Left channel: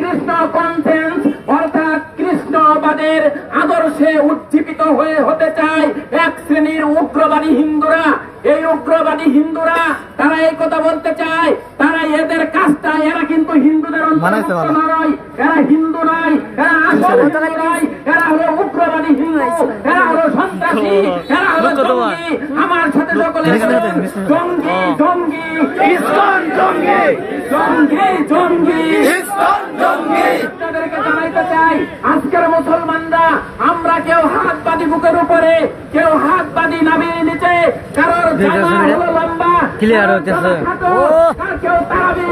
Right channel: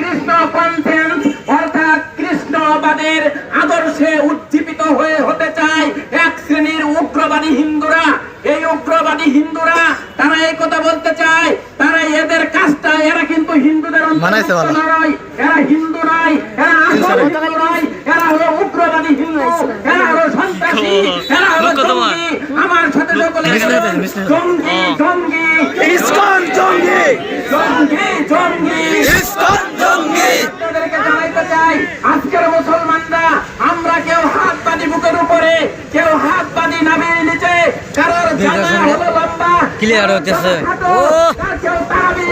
Krishna conference অর্থাৎ কৃষ্ণবাদের আদর্শে উজ্জীবিত হয়ে হতে চায় এক শ্রেণীর উগ্রবাদী হিন্দুরা। এই উগ্রবাদী হিন্দুরা তারা এই কথা বলতে চায়, তারা এদের কাজটা, এরা কিন্তু হিন্দুদের নয়, এরা হিন্দু নয়, এরা আসল হিন্দু নয়, এরা হলো উগ্রবাদী হিন্দু, এরা হলো সন্ত্রাসী, এরা হলো জঙ্গি। আমার সাথে সকলে জঙ্গি জঙ্গি ইসকন জঙ্গি জঙ্গি জঙ্গি ইসকন জঙ্গি। তাদেরকে জানাইতে চাই আজকের মুসলমানরা আমরা কেউ হাত বাঁধি বুকের উপরে, কেউ হাত বাঁধি নাভির নিচে, কারোর জামা হলো লম্বা ক্লিয়ার হচ্ছে। ও কেউ তারাবি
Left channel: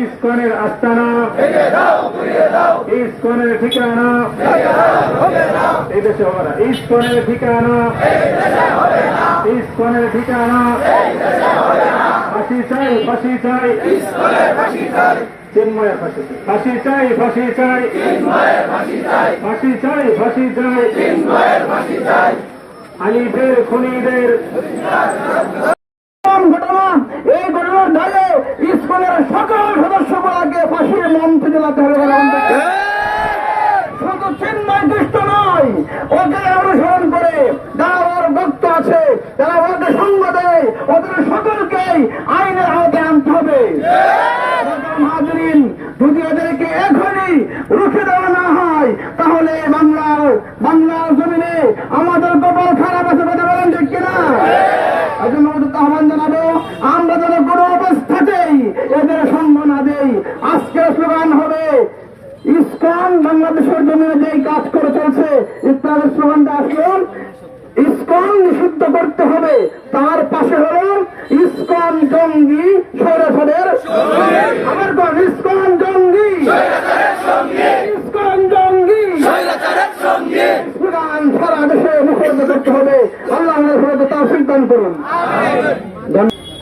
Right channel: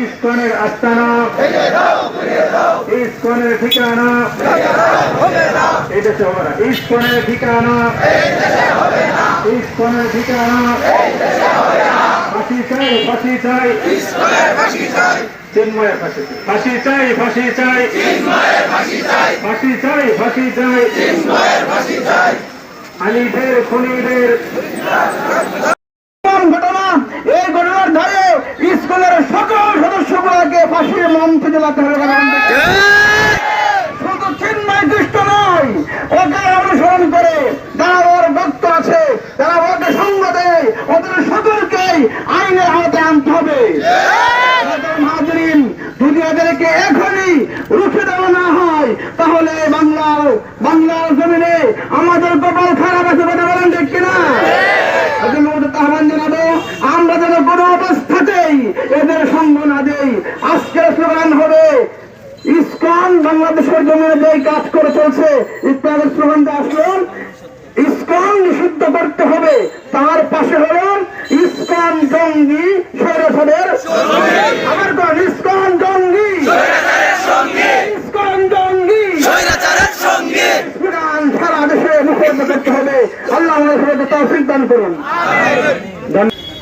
ইসকনের আস্তানা ভেঙে দাও, ঘুরিয়ে দাও, ইসকনের ঠিকানা ভেঙে দাও, ভেঙে দাও, এই দেশে হবে না। ইসকনের ঠিকানা এই দেশে হবে না, ইসকনের ঠিকানা এই দেশে হবে না। ফাঁসি চাই, ফাঁসি চাই, ইসকনের ফাঁসি চাই, চিন্ময়ের ফাঁসি চাই, ফাঁসি চাই, ফাঁসি চাই, চিন্ময়ের ফাঁসি চাই, ফাঁসি চাই, ফাঁসি চাই, চিন্ময়ের ফাঁসি চাই। আলীদের খুনিদের ঘটনা, এই ঘটনার ধরে স্কুলের সকল সদস্যগুলোকে ফাঁসির মঞ্চে জেলাতে হবে। শুধু চিন্ময় দুষ্ট নয়, ওকে অনুসরণ করে যারা ওর ভক্ত আছে, যারা ওকে সঙ্গ দেয়, ওদের সকলকেই আইনের আওতায় আনতে হবে। হাজরিন, যদি ওদেরকে এখনই রুখে দেওয়া না হয় তাহলে বাংলার জমিনে আমাদের কপাল খারাপ আছে। কথা বলেন ঠিক কিনা? আহ্বান জানাবো আমরা যেন কোনো অবস্থাতেই এদের সঙ্গ না দেই। আজকের স্লোগান হবে ইসকন বাংলাদেশের জমিনে যে কাজ করে চলছে, ইসলামের স্লোগানটা আসলো ইসকন নিষিদ্ধ করতে হবে, তার পাশে হলো ইসকন জঙ্গি স্বৈরাচারের আমার কোন ইসকন জঙ্গি ইসকন জঙ্গি স্বৈরাচারের সঙ্গে স্লোগান সারা দেশে মুখরিত করতে হবে। আল্লাহ আমাদের তৌফিক দান করুন।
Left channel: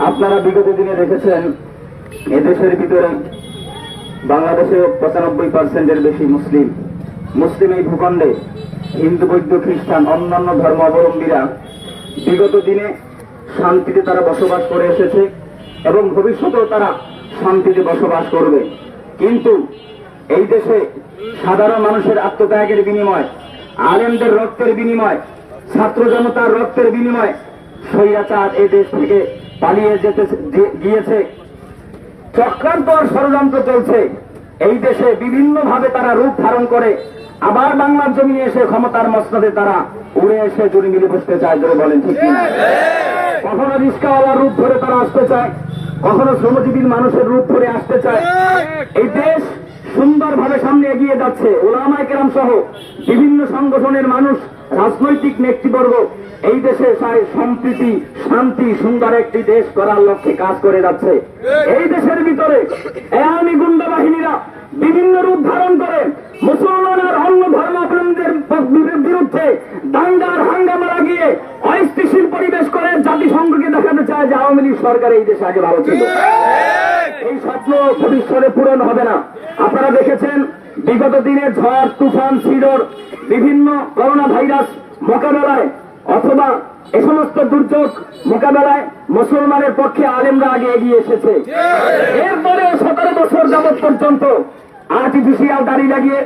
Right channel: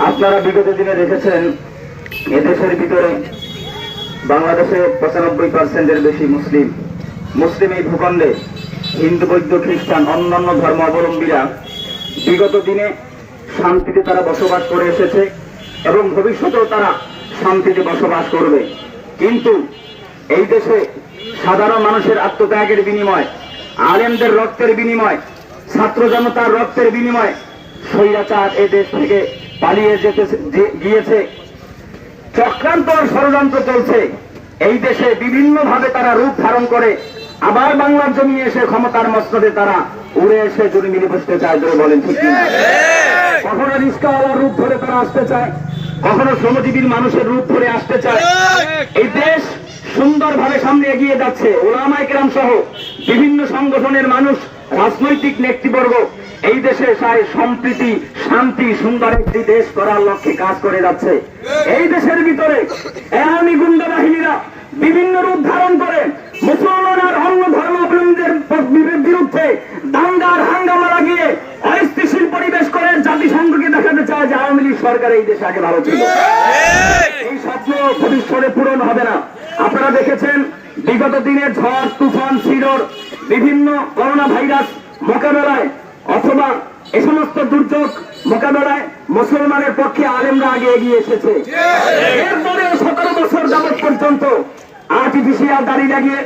আপনারা বিগত দিনে দেখেছেন এদেশের ভিতরে বাংলাদেশে 95% বেশি মুসলিম এই ভূখণ্ডে হিন্দু, বৌদ্ধ, খ্রিস্টান, অন্যান্য ধর্ম অবলম্বীরা বিগত দিনে শান্তিতে তারা বসবাস করে এসেছে এবং ভবিষ্যতেও তারা শান্তিতে বসবাস করবে। কিন্তু এই দেশে সাধারণ মানুষের আত্মত্যাগের বিনিময়, আলেমদের রক্তের বিনিময়, ছাত্র জনতার রক্তের বিনিময় স্বৈরাচার এই দেশ থেকে পালিয়ে গিয়েছে। চক্রান্ত আর ষড়যন্ত্র চলছে। এই দেশে বিভিন্ন ভাবে তারা রূপ ধারণ করে আবার বাংলার জমি এসে ক্ষমতার মসনদে তারা উড়ে এসে জমি মিলে বসতে চায়। ধরে বলেন ঠিক কিনা? কখনো রিস্কাওয়ালার রূপ ধরে তারা আসতে চায়, কখনো শ্রমজীবীর মানুষের রূপ ধরে আসতে চায়। এই দেশ সুন্দরভাবে সামনে এগিয়ে যাচ্ছে। ওলামায়ে কেরাম সহ বিভিন্ন সংগঠনের মানুষ, রাজনৈতিক নেতৃবর্গ এই দেশে সম্প্রীতি, শান্তি, সুন্দর একটি দেশ করার লক্ষ্যে কাজ করে যাচ্ছে। এই দেশের ভিতরে আওয়ামী গুন্ডা বাহিনীরা বিভিন্ন রূপ ধারণ করে মুসলমান আর অন্য ধর্মাবলম্বীদের বিরুদ্ধে দাঙ্গার হাঙ্গামা লাগিয়ে অস্থিতিশীল পরিবেশ করে জাতিসংঘকে দেখাতে চায় যে আওয়ামী লীগ সরকার এই দেশে আগে ভালো ছিল। এই স্বপ্ন ভবিষ্যতে পূরণ হবে না। আপনারা দেখেছেন বিগত দিনে ঝড়, তুফান, ছিড়র, বিভিন্ন করোনা ভাইরাস মোকাবেলায় অথবা এ সমস্ত দুর্যোগ মোকাবেলায় মুসলমানের পক্ষে আলেমরা আগে এগিয়ে এসেছে। এরপরে 17 বছর যাবৎ পর্যন্ত আর্টিফিশিয়াল দাড়ি লাগিয়ে,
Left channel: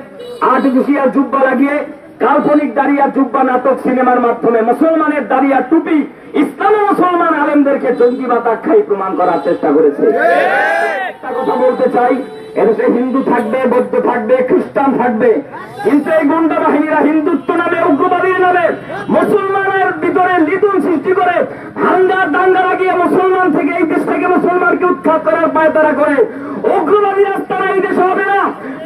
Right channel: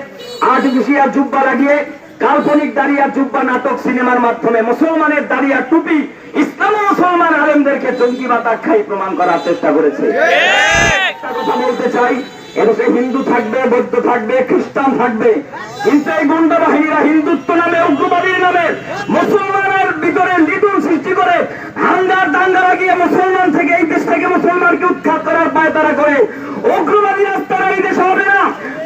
আর্টিফিশিয়াল জুব্বা লাগিয়ে, কাল্পনিক দাড়ি আর জুব্বা নাটক সিনেমার মাধ্যমে মুসলমানের দাড়ি আর টুপি ইসলাম ও মুসলমান আলেমদেরকে জঙ্গিবাদ আখ্যায়ী প্রমাণ করার চেষ্টা করেছে। একটা কথা বলতে চাই, এদেশে হিন্দু থাকবে, বৌদ্ধ থাকবে, খ্রিস্টান থাকবে, কিন্তু এই গুন্ডা বাহিনীরা হিন্দুত্ব নামে, উগ্রবাদীর নামে মুসলমানের ভিতরে লিটন সৃষ্টি করে হাঙ্গার দাঙ্গা লাগিয়ে মুসলমান থেকে, এই দেশ থেকে মুসলমানকে উৎখাত করার পায়তারা করে। উগ্রবাদী রাস্তারা এই দেশ হবে না,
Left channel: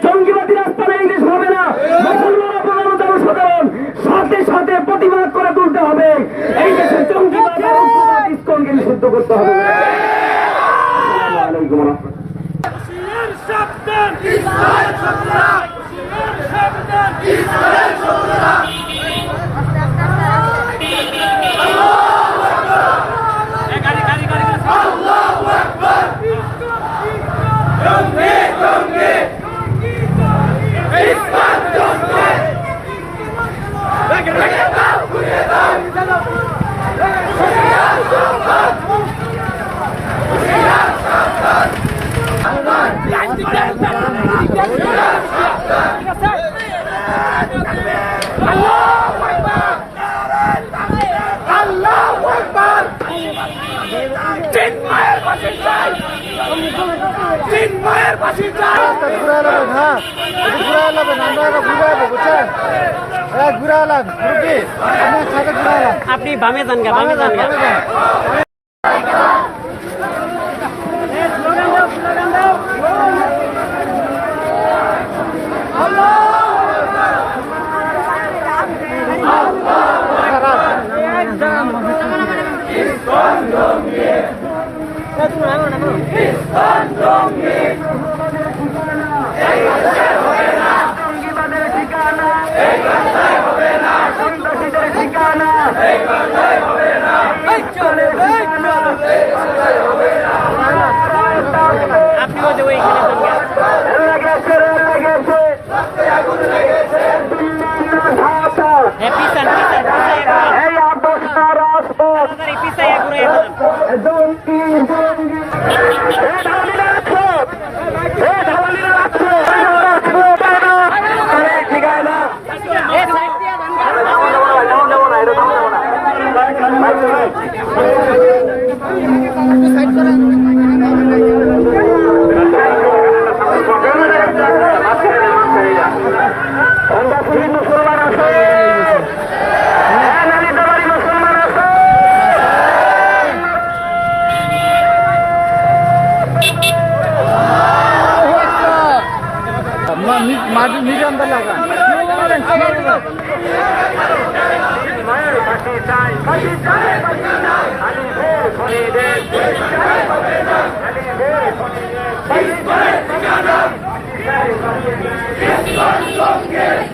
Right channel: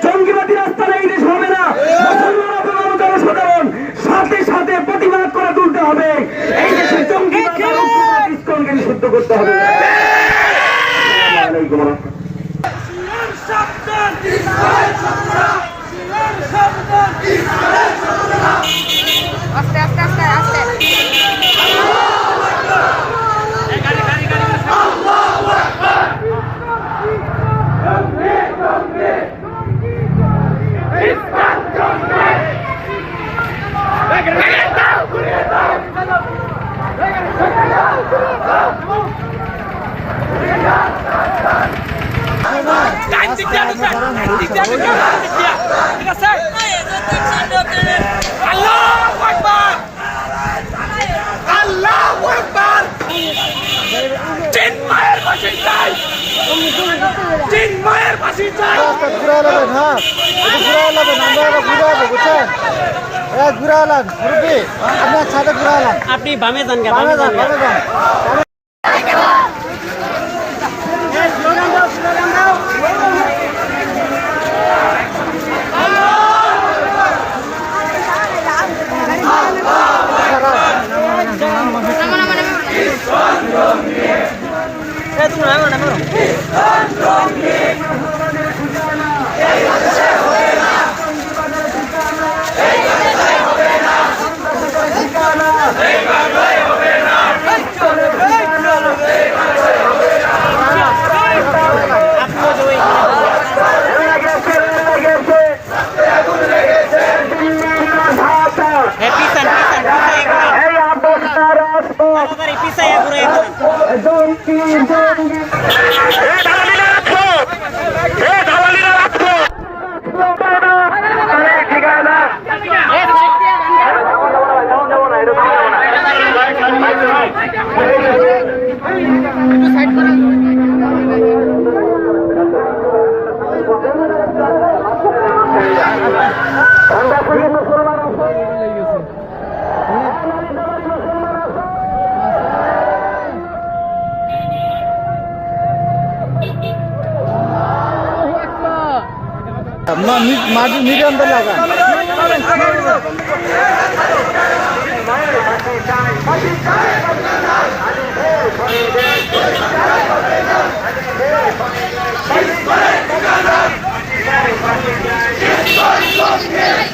জঙ্গিবাদী রাস্তারা এই দেশ হবে না। মুসলমান আপনারা জনসাধারণ সাথে সাথে প্রতিবাদ করে তুলতে হবে। এই দেশে জঙ্গিবাদ ইসকনকে নিষিদ্ধ করতে হবে। সাবধান ইসরায়েল শত্রুরা, সাবধান ইসরায়েল শত্রুরা। আস্তে আস্তে আস্তে আস্তে আল্লাহু আকবার, গাড়ি আল্লাহু আকবার। চিন্ময়ের ফাঁসি চাই। আপনি বামে যান গা, বামে যান গা। মিডিয়াম লাগা Let's go!